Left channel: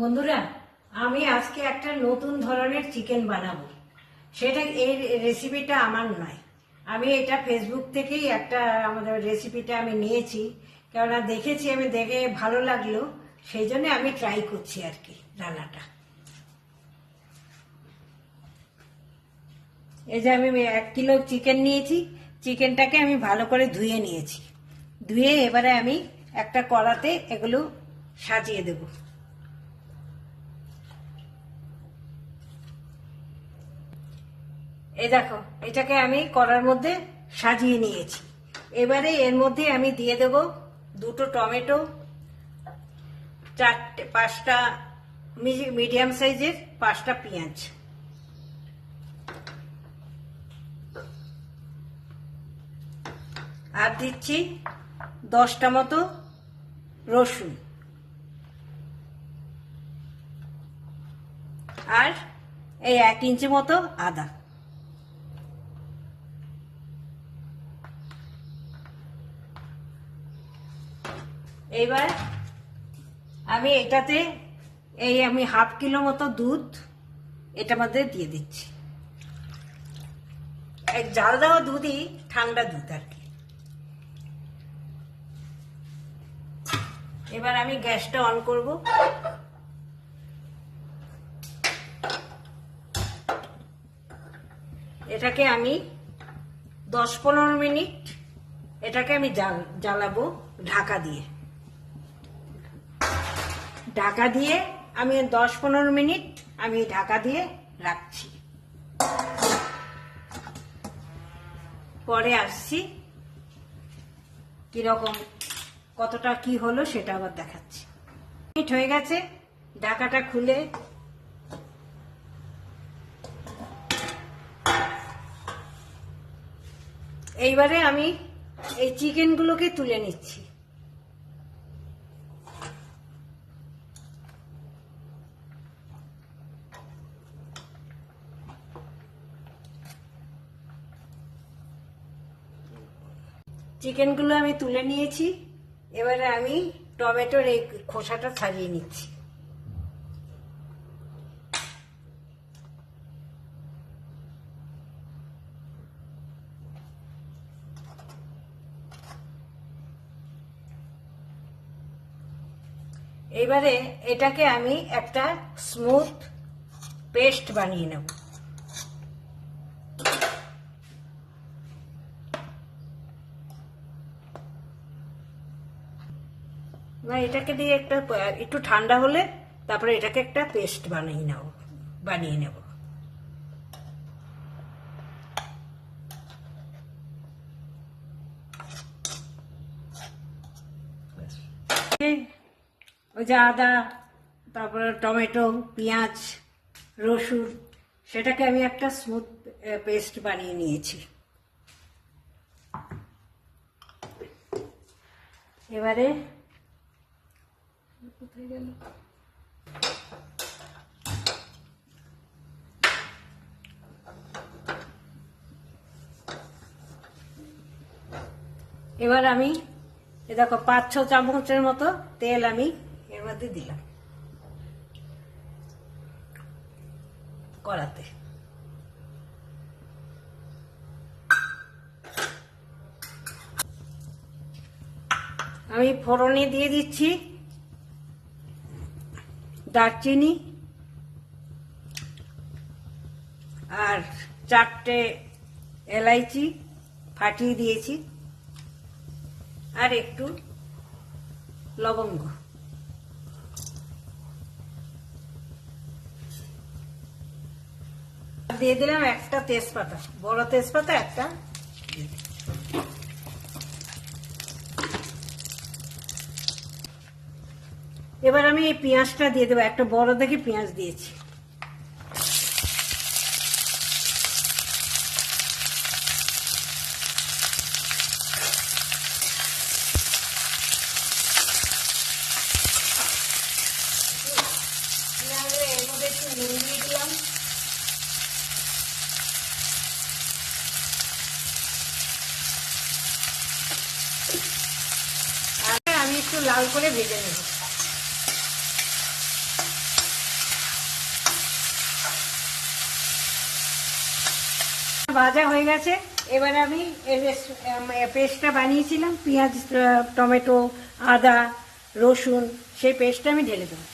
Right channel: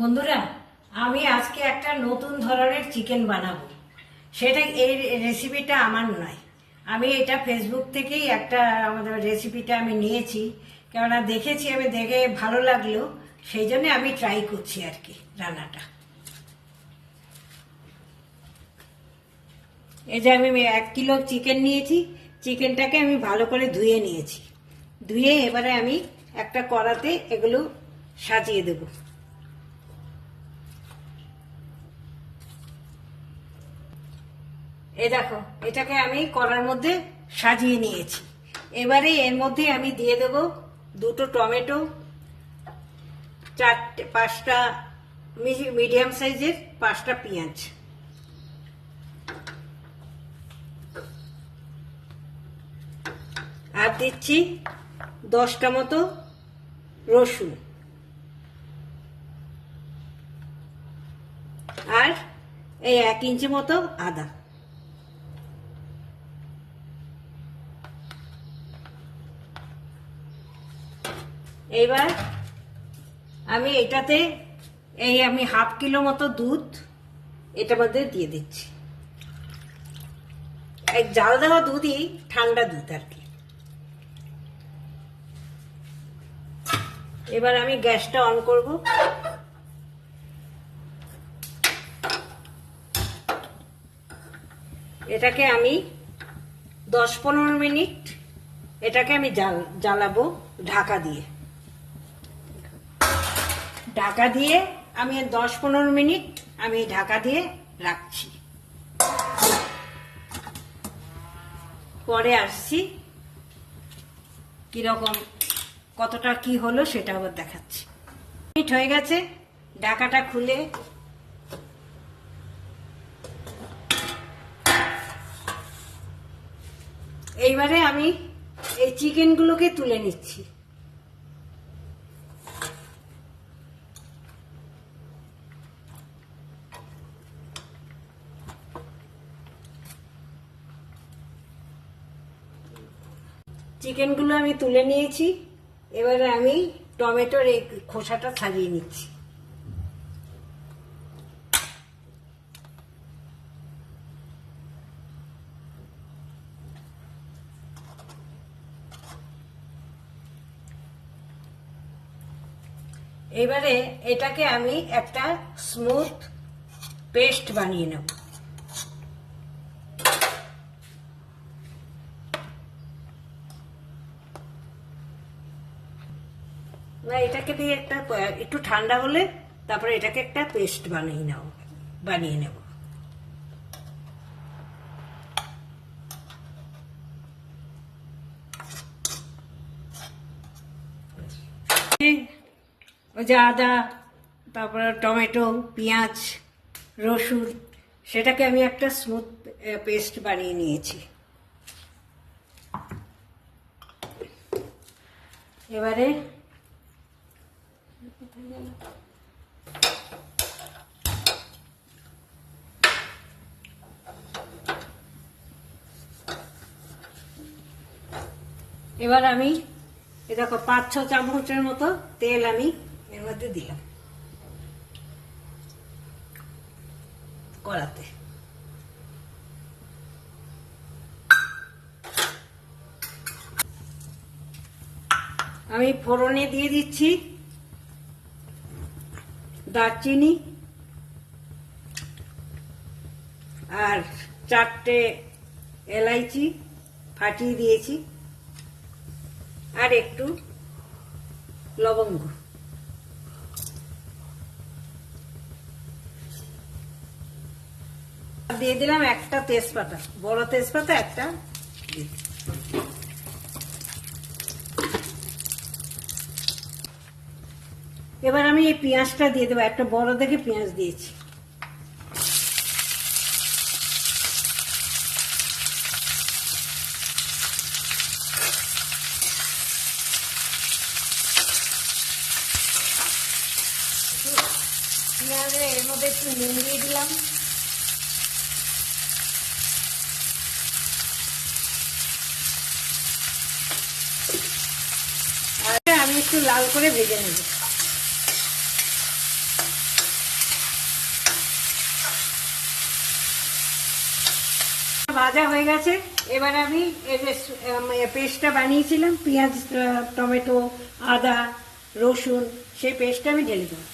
বন্ধুরা, আমি আজকে একটা নতুন ধরনের চিকেন বানাবো। সেটা এই রেসিপিটা আমার নয়, আমি এটা ফেসবুক থেকেই একটা আমাদের রেসিপিটা আমি নিয়েছি। কেননা দেখেছি, আমি দেখে ভালো লাগলো, সেই জন্য আমি ট্রাই করছি আর কি রান্নাটা। এই যে আমি 1 কিলো চিকেন নিয়েছি, চিকেনটাকে আমি ভালো করে ধুয়ে নিয়েছি। ধুয়ে এবারে আমি একটা কড়াতে এগুলো সাজিয়ে দেবো। এই দেখো, এটাকে আমি কড়ার মধ্যে সাজিয়ে নিয়েছি। এবারে এর মধ্যে আমি দিয়ে দেব 2টো টমেটো, 5টা মিডিয়াম সাইজের 5টা পেঁয়াজ, আর দিচ্ছি 10টা মতো রসুন, আর এই 1 ইঞ্চি মতো আদা। এইবার আমি এটাতে আমি 1/2 কিলো মতো দুধ এটার মধ্যে দিয়ে দিচ্ছি। এক জাল দেওয়া দুধই, ঠান্ডা দুধ আর কি। এবার আমি গ্যাসটা অন করব। এটাকে আমি 10-15 মিনিট এটাকে আমি জ্বালাবো ঢাকা দিয়ে। ঢাকা দিয়ে আমি 10-15 মিনিট আমি ঢাকা দিয়ে রাখছি। পরে আসছি, কিরকম কতটা কি হলো সেটা আবার দেখাচ্ছি। মিনিট হয়ে গেছে, ঢাকাটা খুলে এইবারে আমি এই চিকেনগুলোকে তুলে নিচ্ছি। চিকেনগুলো আমি তুলে নিয়েছি। এবারে আমি টমেটোর এই খোসাটা ছাড়িয়ে নিচ্ছি। এবারে এটাকে আমি একটা স্মুথ পেস্ট বানিয়ে নেব। এটাকে দিয়ে একটু ঠান্ডা হলে তারপরে এটাকে একটা পেস্ট বানিয়ে নেব। ওই যে আদা, তারপরে টমেটো, পেঁয়াজ, রসুন, সেটাকে আমি একটা স্মুথ পেস্ট বানিয়ে নিয়েছি। এবারে আমি দেখো 5-6 চামচের মতো তেল আমি এর মধ্যে দিলাম কড়াতে। আমি ফোড়নে দিয়ে দিচ্ছি দারচিনি আর 4টে এলাইচি ফাটিয়ে দিয়েছি, আর একটু লবঙ্গ। দিয়ে দিলাম একটা তেজপাতা, বড় তেজপাতা একটা। এবার আমি এই পেঁয়াজটা দিয়ে দেবো, একটা বড় দেখে পেঁয়াজ দিয়েছি। এর মধ্যে একটু নুন দিয়ে দিলাম। আর আমি একটু লাল করে ভেজে নেব। ভাজা হয়ে গেছে। এবার আমি পেস্টটা বানিয়েছিলাম, পেঁয়াজ, টমেটো, আদা, রসুন, সেই পেস্টটা আমি ঢেলে দেবো।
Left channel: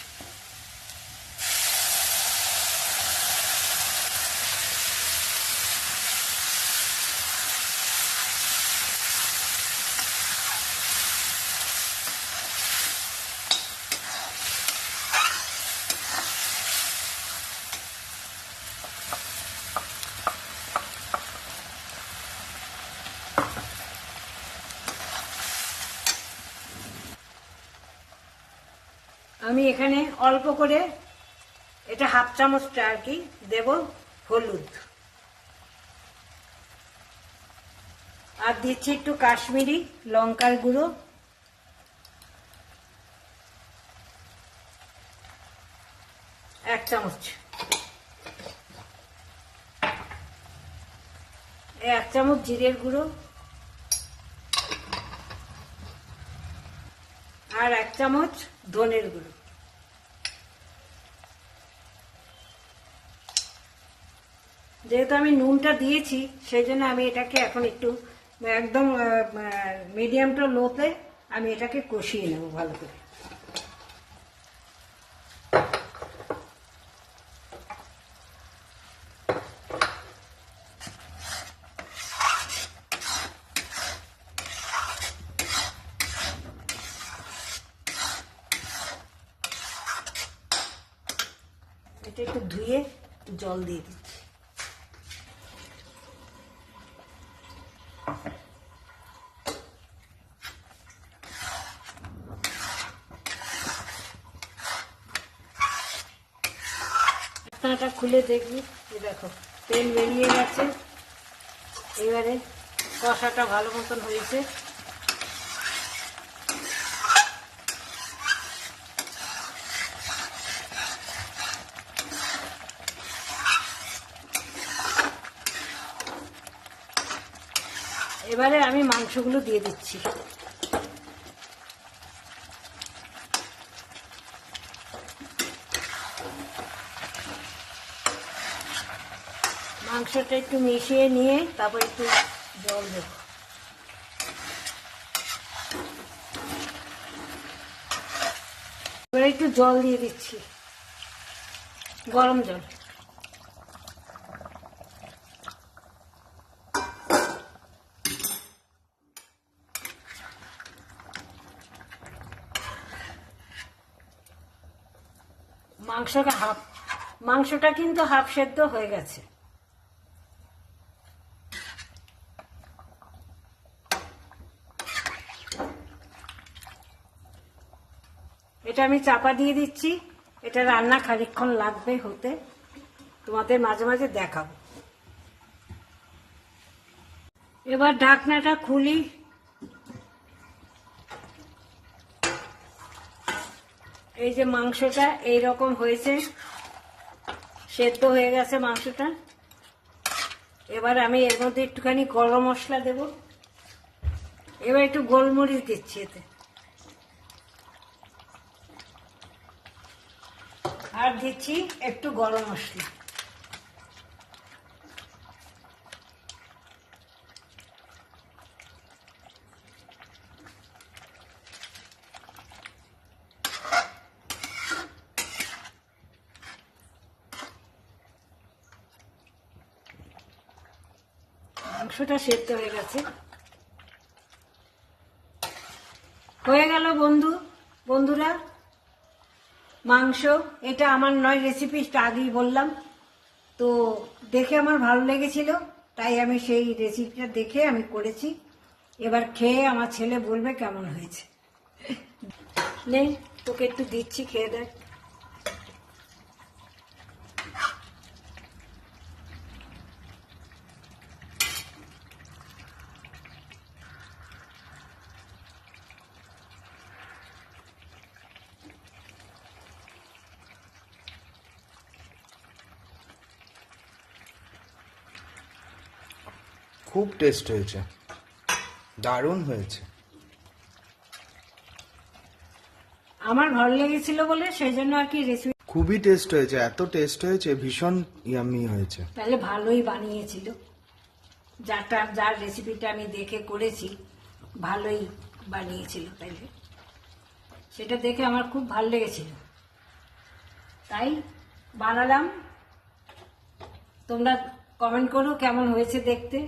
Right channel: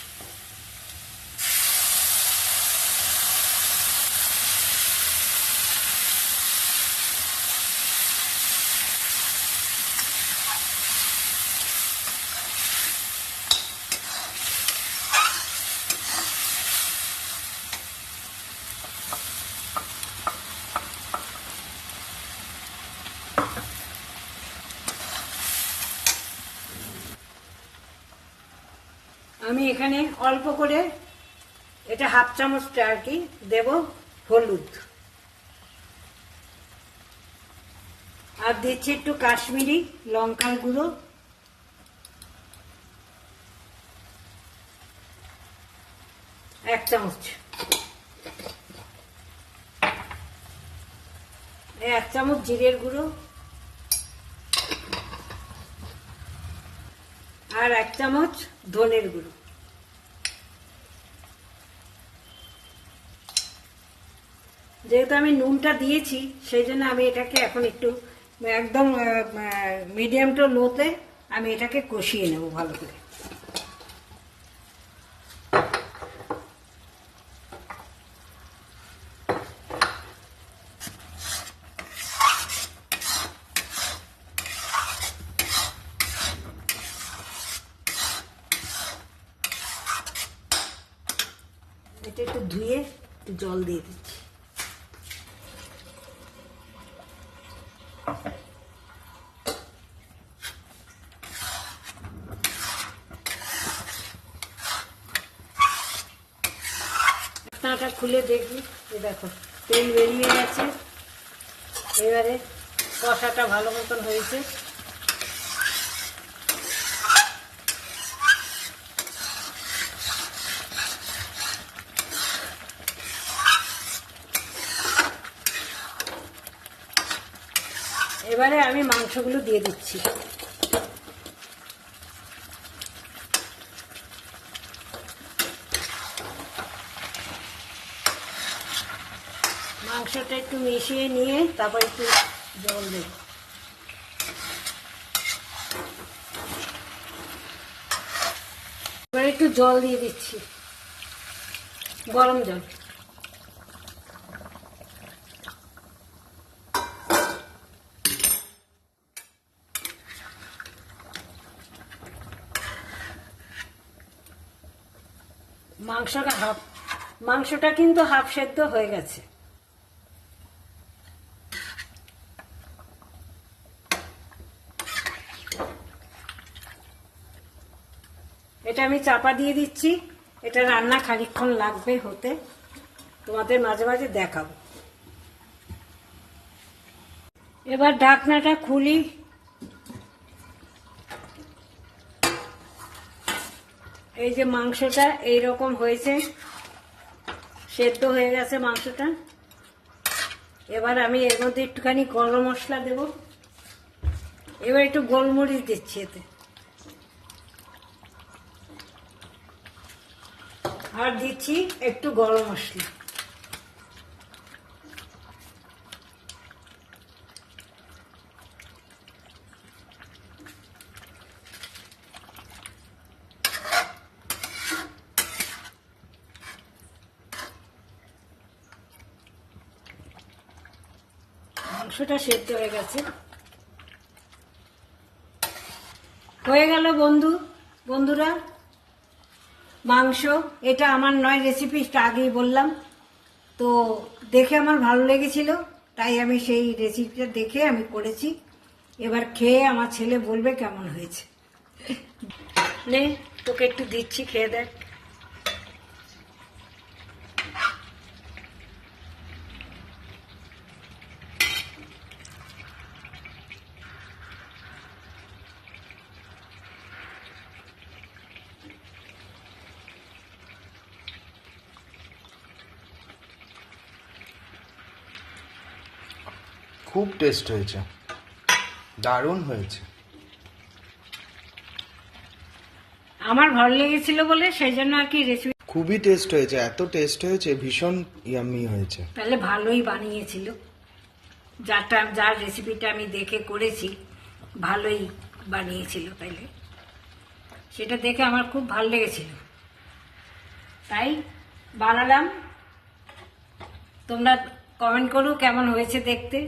আমি এখানে অল্প করে, এটা হাফ চামচ আর কি দেব হলুদ, আর দিচ্ছি একটু কাশ্মীরি লঙ্কার গুঁড়ো, এক চামচ, এক চামচ জিরের গুঁড়ো, আর এক চামচ ধনের গুঁড়ো। যেহেতু আমি নুনটা দিয়েছি সেই জন্য আমি এটাকে এখন একটু একদম মিডিয়াম টু লোতে আমি এটাকে কষিয়ে নেব ভালো করে। এটা একটু ধুয়ে জল দিয়ে দিচ্ছি। ঢাকনাটা খুলে দেখবি, দেখো তেল বেরিয়ে গেছে। এবারে কষাটা ভালো মতন হয়েছে। এবারে আমি মাংসগুলো দিয়ে দিচ্ছি। মাংসটা একটু মিশিয়ে নিয়ে তারপর একটু জল দেব। এবার একটু জল দিয়ে দিচ্ছি, গরম জল। মাংসটা কিন্তু হাফ সেদ্ধ হয়ে গেছে। এটা আমি চাপা দিয়ে দিচ্ছি। এটা রান্না খানিকক্ষণ লাগবে হতে, তোমাদের মাঝে মাঝে দেখাবো। এবার ঢাকনাটা খুলি। এই যে মাংসটা এইরকম হয়েছে, সেদ্ধ হয়ে গেছে মাংসটা। এবার আমি এর মধ্যে একটুখানি গরম মশলা দেব। এবার একটু গোলমরিচ দিচ্ছি এতে, আর দিচ্ছি একটু গরম মশলা। মাংসটা সেদ্ধ হয়ে গেছে। হয়ে গেল বন্ধুরা মাংস। এটা আমার নয় রেসিপি, আগেই বললাম তো, দেখে আমার ভালো লেগেছিল তাই আমি সেই রেসিপিটা দেখে আমি করেছি। এবার খেয়ে আমার ছেলে বলবে কেমন হয়েছে। নে তোকে একটু দিচ্ছি, খেয়ে দেখ। খুব টেস্ট হয়েছে, দারুণ হয়েছে। আমার ভালো লেগেছিল বলে সেই জন্য আর কি রেসিপি। খুবই টেস্ট হয়েছে, এত টেস্ট হয়েছে, ভীষণ ইয়াম্মি হয়েছে। তাহলে ভালোই বানিয়েছিল। যার রেসিপিটা আমি দেখে করেছি ভালোই বানিয়েছিল, তাইলে সেটা দেখে আমার খুব ভালো লেগেছিল, তাই বানালাম। তোমরা কমেন্ট করো কেমন হয়েছে দেখতে।